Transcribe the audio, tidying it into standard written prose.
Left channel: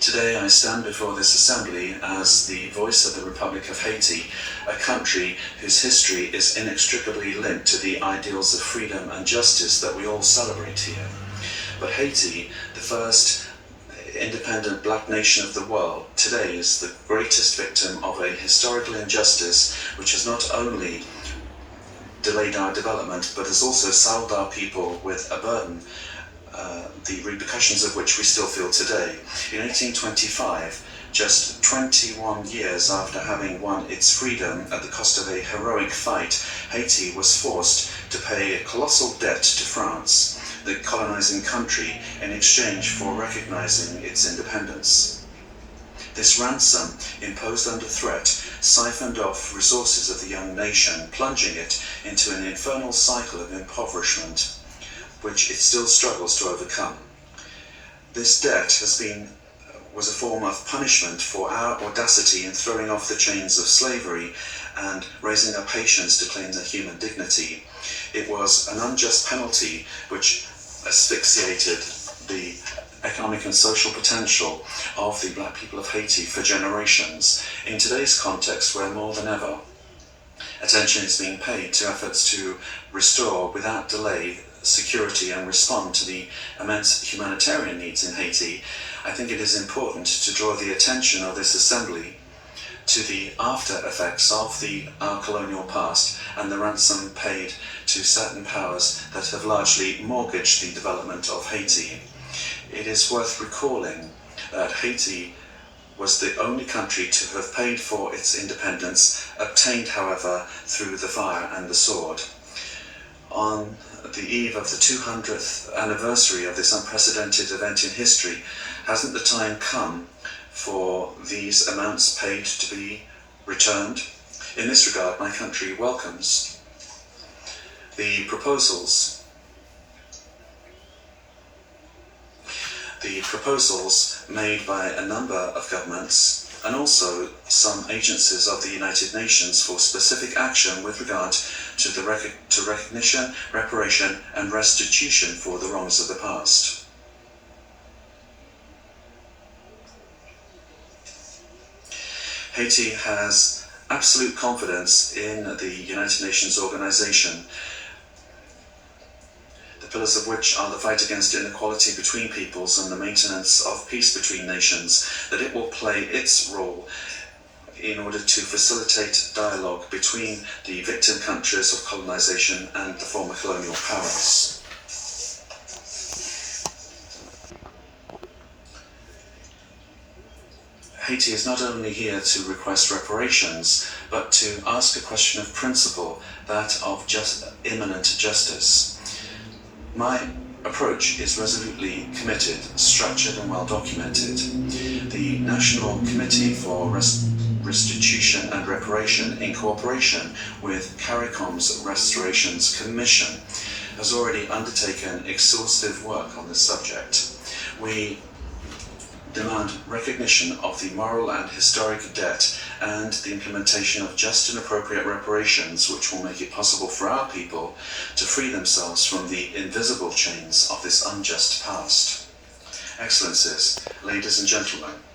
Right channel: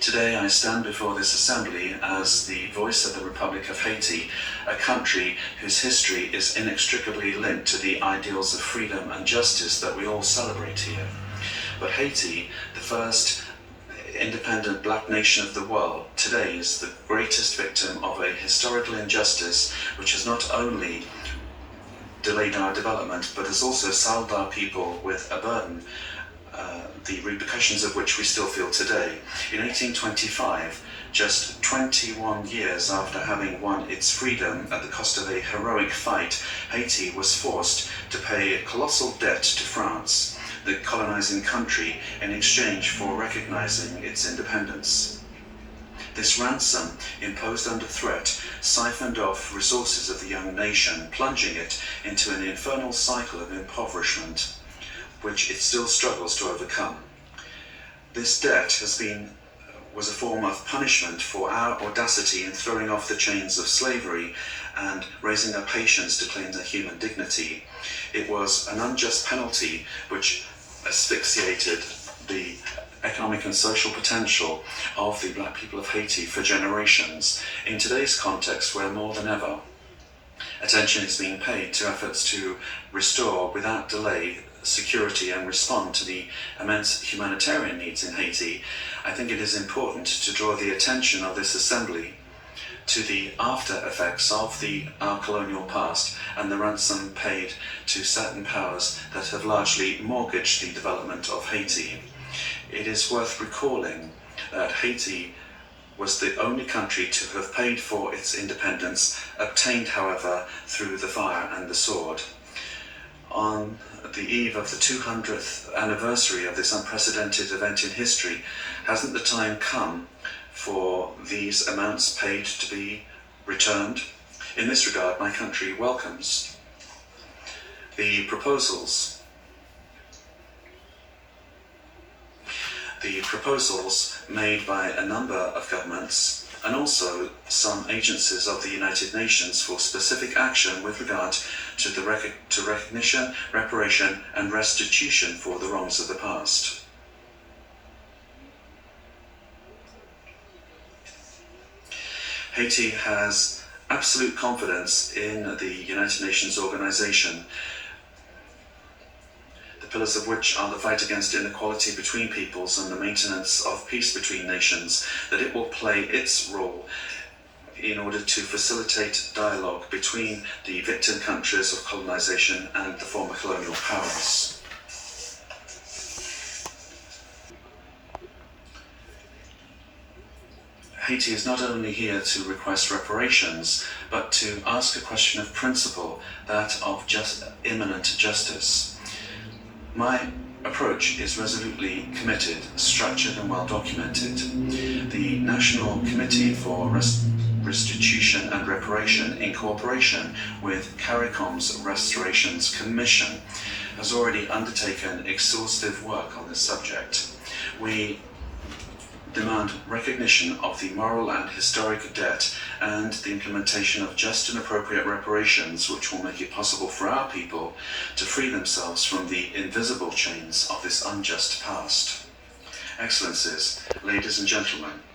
Today I stand before this assembly as the voice of the Republic of Haiti, a country whose history is inextricably linked to the ideals of freedom and justice that we all celebrate here. But Haiti, the first independent black nation of the world, today is the greatest victim of a historical injustice which has not only delayed our development but has also saddled our people with a burden, the repercussions of which we still feel today. In 1825, just 21 years after having won its freedom at the cost of a heroic fight, Haiti was forced to pay a colossal debt to France, the colonizing country, in exchange for recognizing its independence. This ransom, imposed under threat, siphoned off resources of the young nation, plunging it into an infernal cycle of impoverishment, which it still struggles to overcome. This debt was a form of punishment for our audacity in throwing off the chains of slavery and raising up Haitians to claim their human dignity. It was an unjust penalty which asphyxiated the economic and social potential of the black people of Haiti for generations. In today's context, where more than ever attention is being paid to efforts to restore without delay security and respond to the immense humanitarian needs in Haiti, I think it is important to draw the attention of this assembly to the after effects of our colonial past and the ransom paid to certain powers that have largely mortgaged the development of Haiti. It is worth recalling that Haiti was the only country to have paid for its independence, obtained, however, through the fire and the sword. On the eve of the 200th anniversary of this unprecedented event in history, hasn't the time come for these amounts paid to be returned? In this regard, my country welcomes the proposals made by a number of governments and also some agencies of the United Nations for specific action with regard to recognition, reparation and restitution for the wrongs of the past. Haiti has absolute confidence in the United Nations organization, the pillars of which are the fight against inequality between peoples and the maintenance of peace between nations, that it will play its role in order to facilitate dialogue between the victim countries of colonization and the former colonial powers. Haiti is not only here to request reparations, but to ask a question of principle, that of imminent justice. My approach is resolutely committed, structured and well documented. The National Committee for Restitution and Reparation, in cooperation with CARICOM's Restorations Commission, has already undertaken exhaustive work on this subject. We demand recognition of the moral and historic debt and the implementation of just and appropriate reparations which will make it possible for our people to free themselves from the invisible chains of this unjust past. Excellencies, ladies and gentlemen,